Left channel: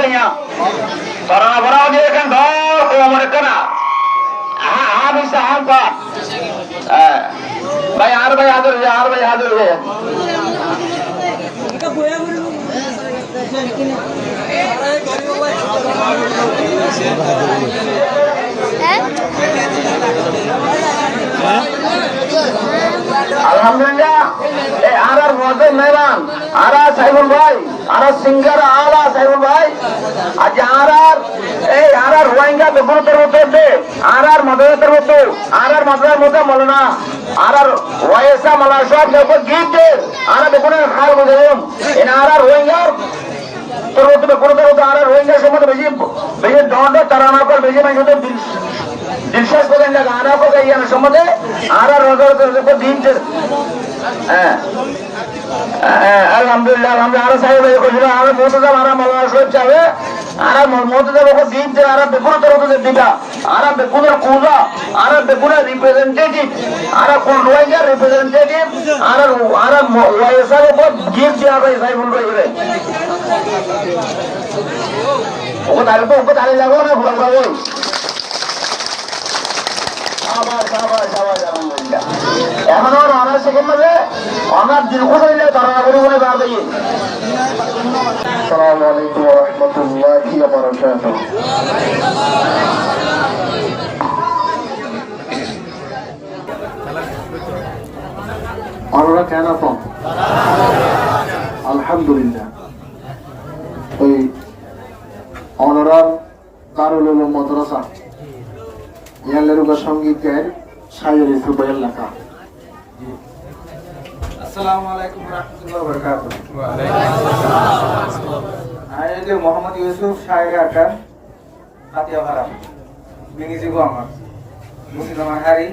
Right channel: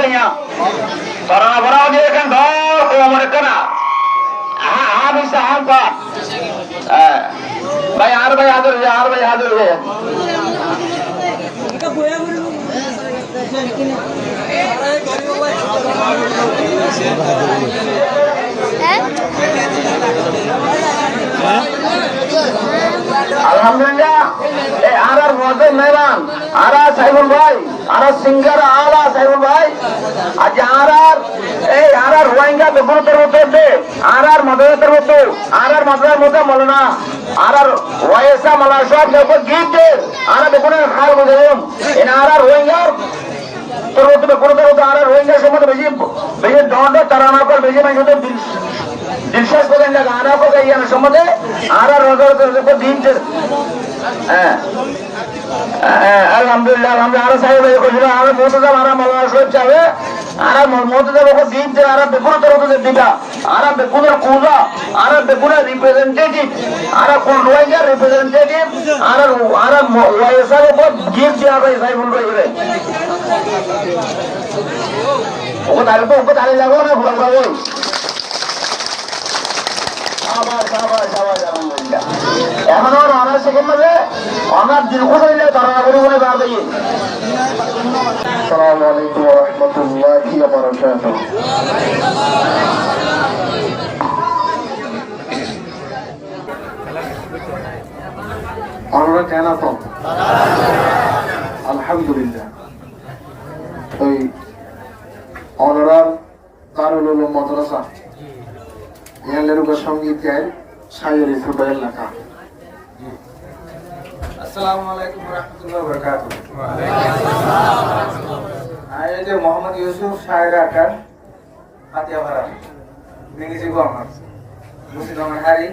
kayaknya. Para dia kan dor ko mereka na. Bisa apa? Bayar hadir ya. Alhamdulillah, arar Muazzin Mehran, arar Saiful Bhai, arar singer Ala Saiful Bhai, arar Rohingya Bekuru Terbutu, arar Madura Terbutu, arar Madura Muda Malana, arar Waisa Malaysia Bekuru Gite, arar Bekuru Khal Mujahim, in arar Rohingya Terbutu Bekuru Terbutu, arar Rohingya Semut Beji Dondo Tarana Kol Beji Manjude दिलचस्प बदलने लगा आना को कहीं ना समझे आरा रोज़ को दिन चल अल्हम्दुलिल्लाह हम आरा साहिब को जो आरा मोहतज़ आरा मौलाना शोब चाहे आरा मोहतज़ को दिन चल आरा बेकुर तरह से दिखा आरा बेकुर कूदा आरा बेकुर रिप्रेजेंटेटिव आरा कौन रोएगा रिप्रेजेंटेटिव आरा वैसा को गिफ्ट दिया भाई साहिब बोल रहे हैं उनको ताले लगो ना बुला बुला এখন আর অনার সেকেন্ড মাঝে অনার দীর্ঘ হইলে তারা করে বলে বার দিয়ে আসসালামু আলাইকুম ওয়া রাহমাতুল্লাহি ওয়া বারাকাতুহু আমরা কেন তো আলহামদুলিল্লাহ এই অনার দারুল উলুম মাদ্রাসা ইয়ালেরুকা সঙ্গীত গায়ের শায়ের ফুটবলের লেখা আসসালামু আলাইকুম ওয়া রাহমাতুল্লাহি ওয়া বারাকাতুহু ওয়া আলাইকুম আসসালাম আইলে মোহাম্মদ ইউসুফ শায়ের আকার ফাতিয়া ভাড়া মিনিজি গোমার মুসলিম হারি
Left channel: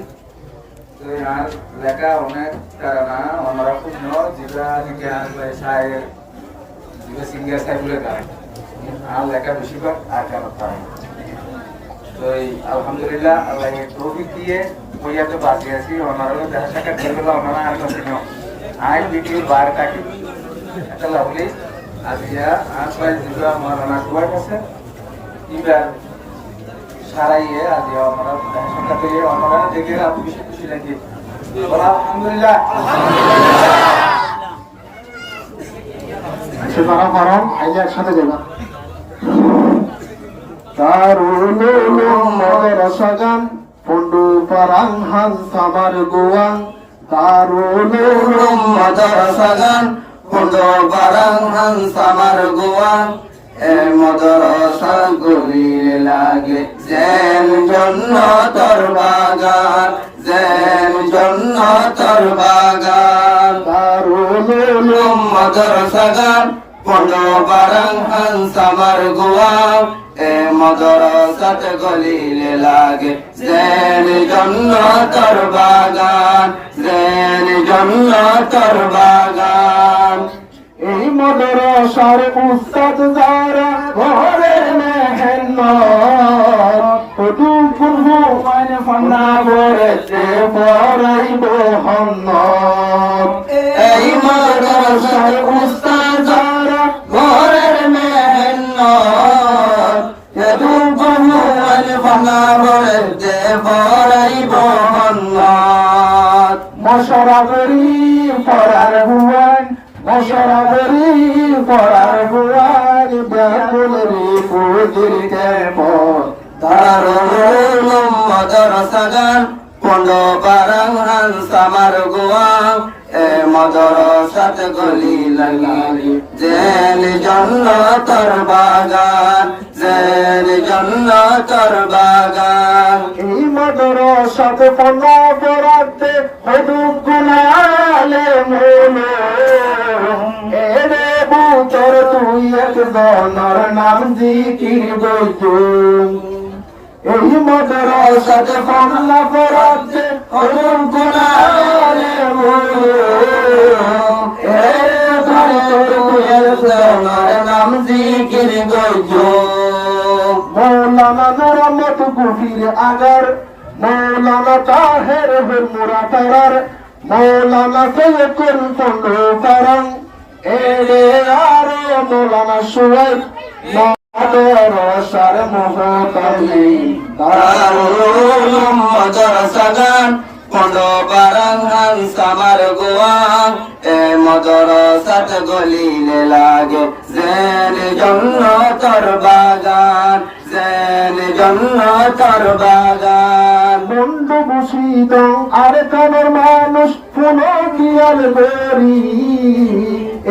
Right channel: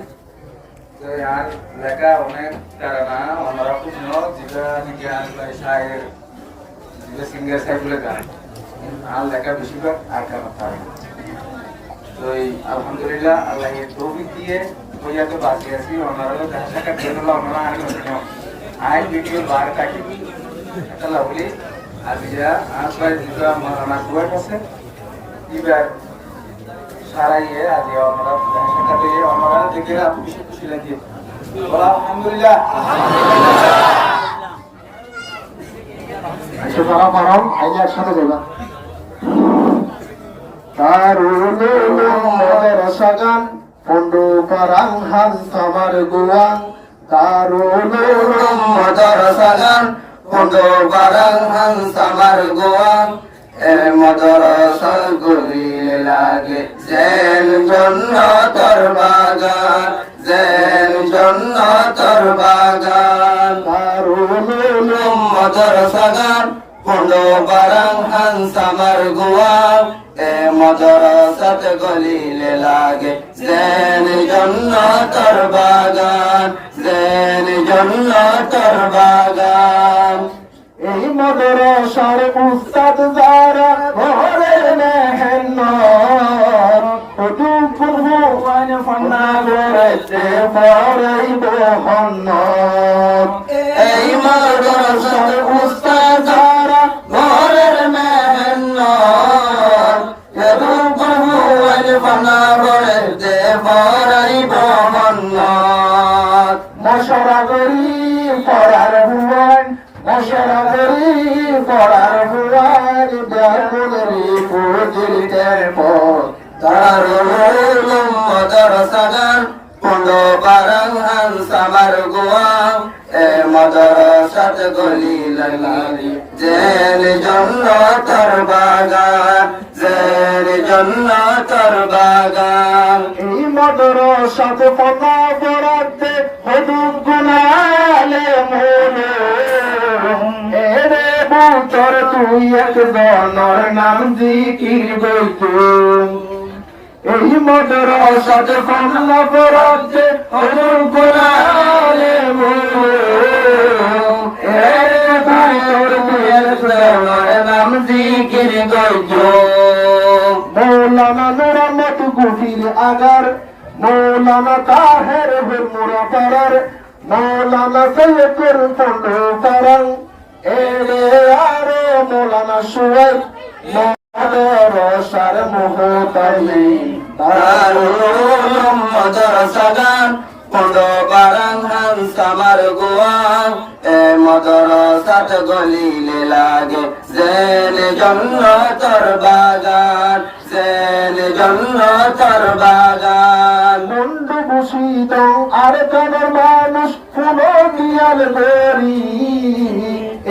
তো আর লেখা অনেক কারণা আমরা খুব জিবা দিকে আসলে শায়ের যে সিঙ্গার সাইবুলে গায় আর লেখা বেশিরভাগ আকার থাকে তো আলহামদুলিল্লাহ আল্লাহ এই তৌফিক দিয়ে হইয়া তো বাকি আছি ওনারও দেখা সাক্ষাৎ করলো ওনারা আর নতুন আই ভিডিও বার কাটি একটা লাভলি আজিয়া আসলে যেটা আমার না কুয়ার কাছে এবার সারাইয়ে আজিয়া আমরা দেখা সাক্ষাৎ করে ওনারা দেখে আমি বেশি খুশি লাগে বলা আলহামদুলিল্লাহ সেটা পারো আইলে একসাথে যাবা Darul Ulum Madrasagan Pundu Parang Hansamar Guang Darul Ulum Madrasagan Pundu Parang Hansamar Guang Madrasal Guri Lage Zen Jannatar Bagan Zen Jannatar Bagan Darul Ulum Madrasagan Pundu Parang Hansamar Guang মাদ্রাসাত গলিলে লাগে জেন জান্নাতের বাগান gen জান্নাতের বাগান এই মাদ্রাসার উস্তাদ যারা ঘরে মেহনত ওটু পূর্ব মানে ফান্না বরেতে পড়াইব হন্নত এই মাদ্রাসার উস্তাদ যারা ঘরে মেহনত মশরা করি পড়ার ভুবন মশরা করি পড়ার ভুবন ব্যাকুলের পুজির পর দারুল মাদ্রাসাগান পন্ড পারাং হানসামার গুয়াং এ মাদ্রাসাত গলি লালি জেন জান্নাতের বাগান জেন জান্নাতের বাগান এই মাদ্রাসাত পড়া পড়াতে হদুক গুনালে মোলে এরে বুতর তুই একজনের নাম জিকির বইতুম এই মাদ্রাসাত পড়া পড়াতে হদুক গুনালে মোলে এরে বুতর তুই একজনের নাম জিকির বইতুম মৌলানা নুরমত গুফির আগার মৌলানা তাহের হিমুরা তারার মৌলানা সৈয়দুল পন্ডু পারাং এরে আরো মৌলানা সুয়েদ আর মোহতাজ নেই দারুল মাদ্রাসা গান কোন্ড পারাং হানসামার গোয়াং এ মাদ্রাসাত গলিলে লাগে জেন জন্নতর বাগান জেন জন্নতর বাগান বন্ধু বসিত আর কানের মানুষ কোনো কিয়াল গরি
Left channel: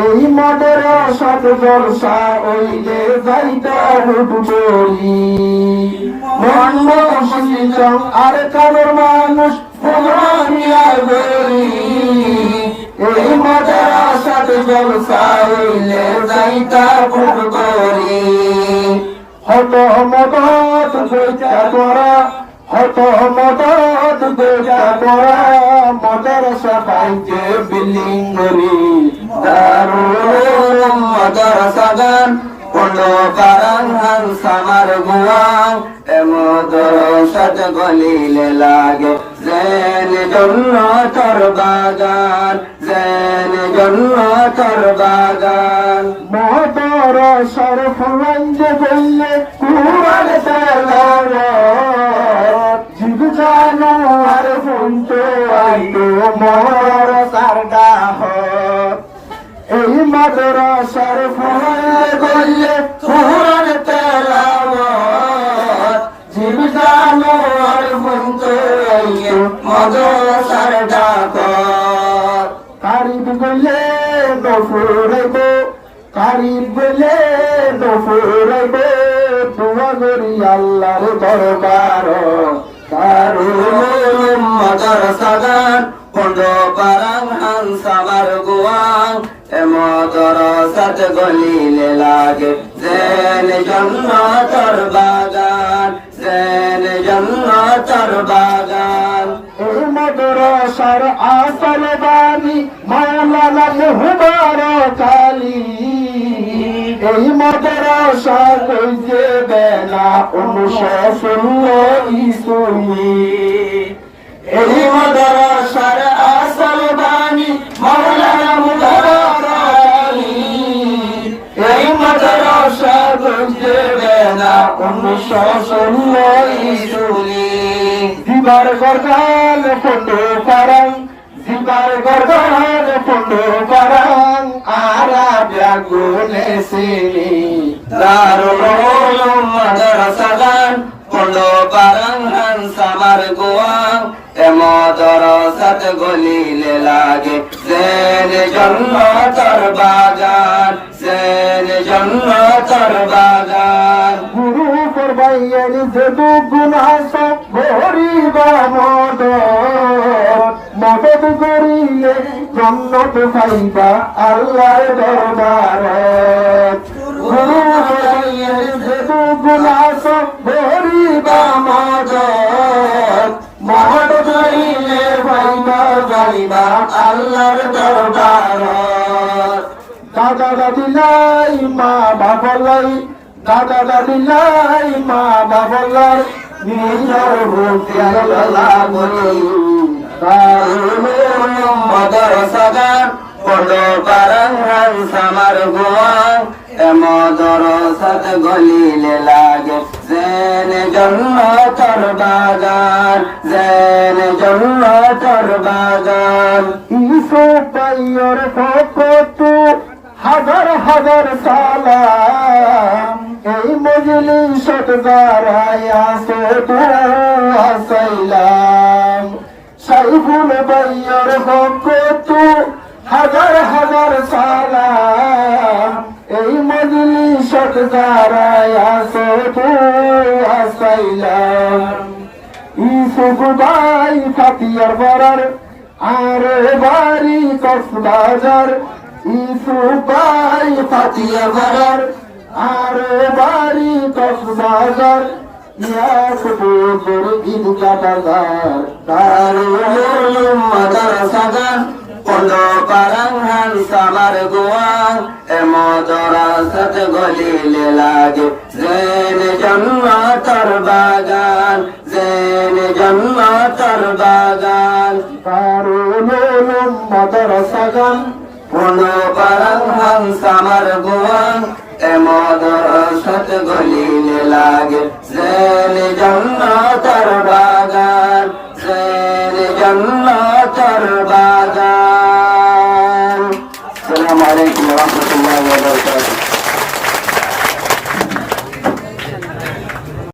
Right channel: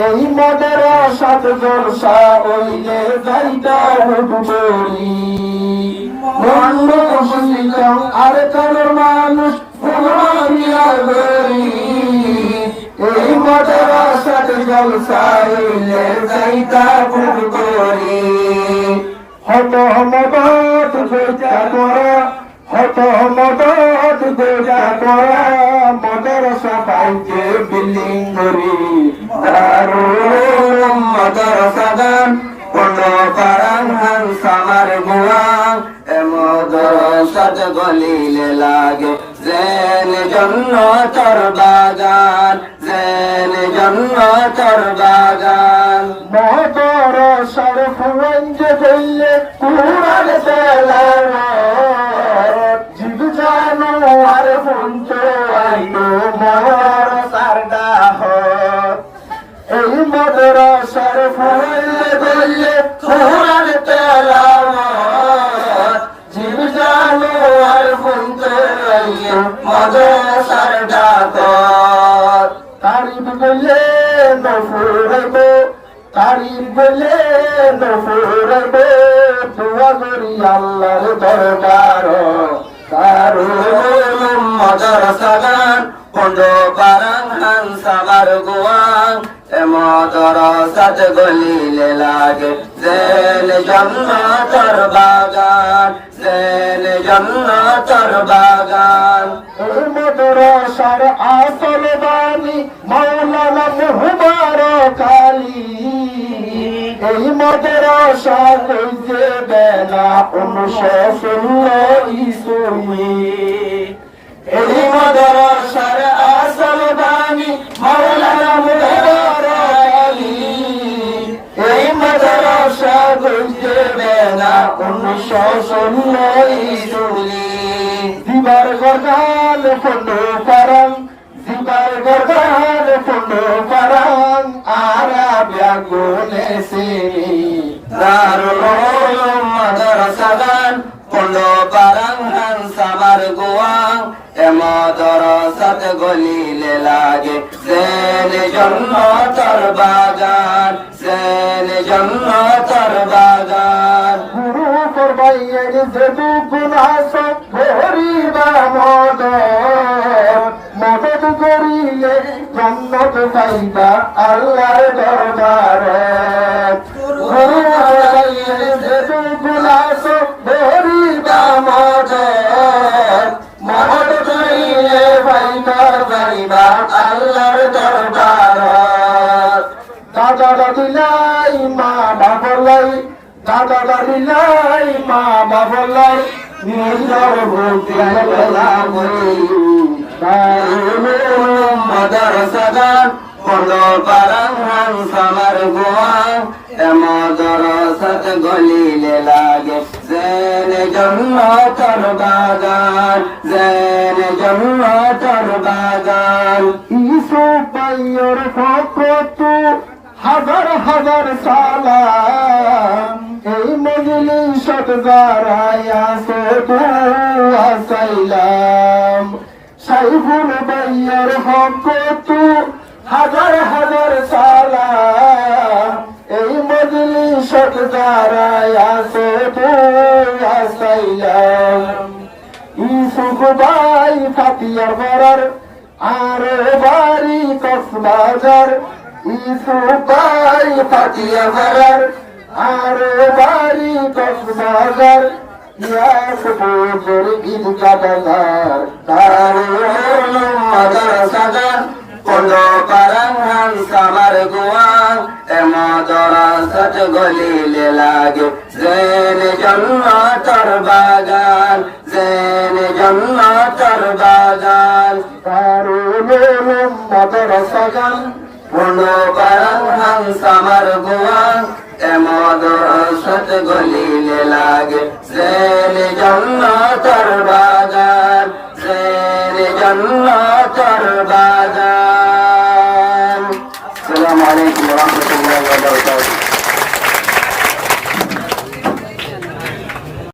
এই মাদ্রাসাত জলসা ওইলে যাইতা হুজুরি বন্ধু বসিত আর কানের মানুষ এই মাদ্রাসাত জলসা হইলে যাইতা ভুল করি হত মদত গোটা তোরা হত মদত গোটা তোরা মাদ্রাসা পাইছে বিল্ডিং করি দারুল মাদ্রাসা গান কোন পারাং হানসামার গোয়াং এমদরসাত গলিলে লাগে জেন জন্নতর বাগান জেন জন্নতর বাগান মাদ্রাসার ফুরাইতে গইলে কুরআন তেলাওয়াত জিব জানো আর ফুনতো আইতো মাদ্রাসার দাহত এই মাদ্রাসার ফুরাইতে গইলে কুরআন তেলাওয়াত জিব জানো আর ফুনতো আইতো মাদ্রাসার দাহত কারিব গইলে দফুরাইবো কারিব গইলে দফুরাইবো দোয়া করি আল্লাহর দরবার দারুল মাদ্রাসা গান কোন্ড পারাং হানসামার গোয়াং এ মাদ্রাসাত গলিলে লাগে জেন জন্নতর বাগান জেন জন্নতর বাগান এই মাদ্রাসার আসল বাণী মাওলানা মুবারক আলী এই মাদ্রাসা কইতে বেলা 1916 ইসুই এই মাদ্রাসার আসল বাণী মাওলানা মুবারক আলী এই মাদ্রাসা কইতে বেলা 1916 ইসুই দিবার গরগাল কোন্ড পারাং দিবার গরগাল কোন্ড পারাং আরা ব্যাগুনে সিনি দারুল মাদ্রাসা গান কোন্ড পারাং হানসামার গোয়াং এ মাদ্রাসাত গলিলে লাগে জেন জন্নতর বাগান জেন জন্নতর বাগান গুরু ফরমাইয়ের যেদু গুনাহ সব ভরিবা মদত করিলে জান্নাত পাইবা আল্লাহর দরবারে গুরু ফরমাইয়ের যেদু গুনাহ সব ভরিবা মদত করিলে পাইবা আল্লাহর দরবারে দাদা দাদিলাই মা বাবলাই দাদা দাদিলাই মা বাবলাই নিজর ভক্তি আল্লাহ বলি দারুল মাদ্রাসা গান কোন্ড পারাং হানসামার গোয়াং এ মাদ্রাসাত গলিলে লাগে জেন জন্নতর বাগান জেন জন্নতর বাগান ইউসুফ ভাইয়ের ফটো হাজার হাজার সালাম এই মজলিসত দাঁড়ায়া শুধু আসাইলাম সাইফুল ভাইয়ের ফটো হাজার হাজার সালাম এই মজলিসত দাঁড়ায়া শুধু আসাইলাম ইউসুফ ভাই ফাতিয়ার বরার আরে বাড়ি কক্সবাজার ইউসুফ ভাই ফাতিয়ার বরার আরে বাড়ি কক্সবাজার ইয়াস বছর ঈদ কাটাগার দারুল মাদ্রাসা গান কোন্ড পারাং হানসামার গোয়াং এ মাদ্রাসাত গলিলে লাগে জেন জন্নতর বাগান জেন জন্নতর বাগান দারুল মাদ্রাসা গান কোন্ড পারাং হানসামার গোয়াং এ মাদ্রাসাত হাত গলিলে লাগে জের জান্নাতের বাগান জের জান্নাতের বাগান। আসসালামু আলাইকুম ওয়া রাহমাতুল্লাহ।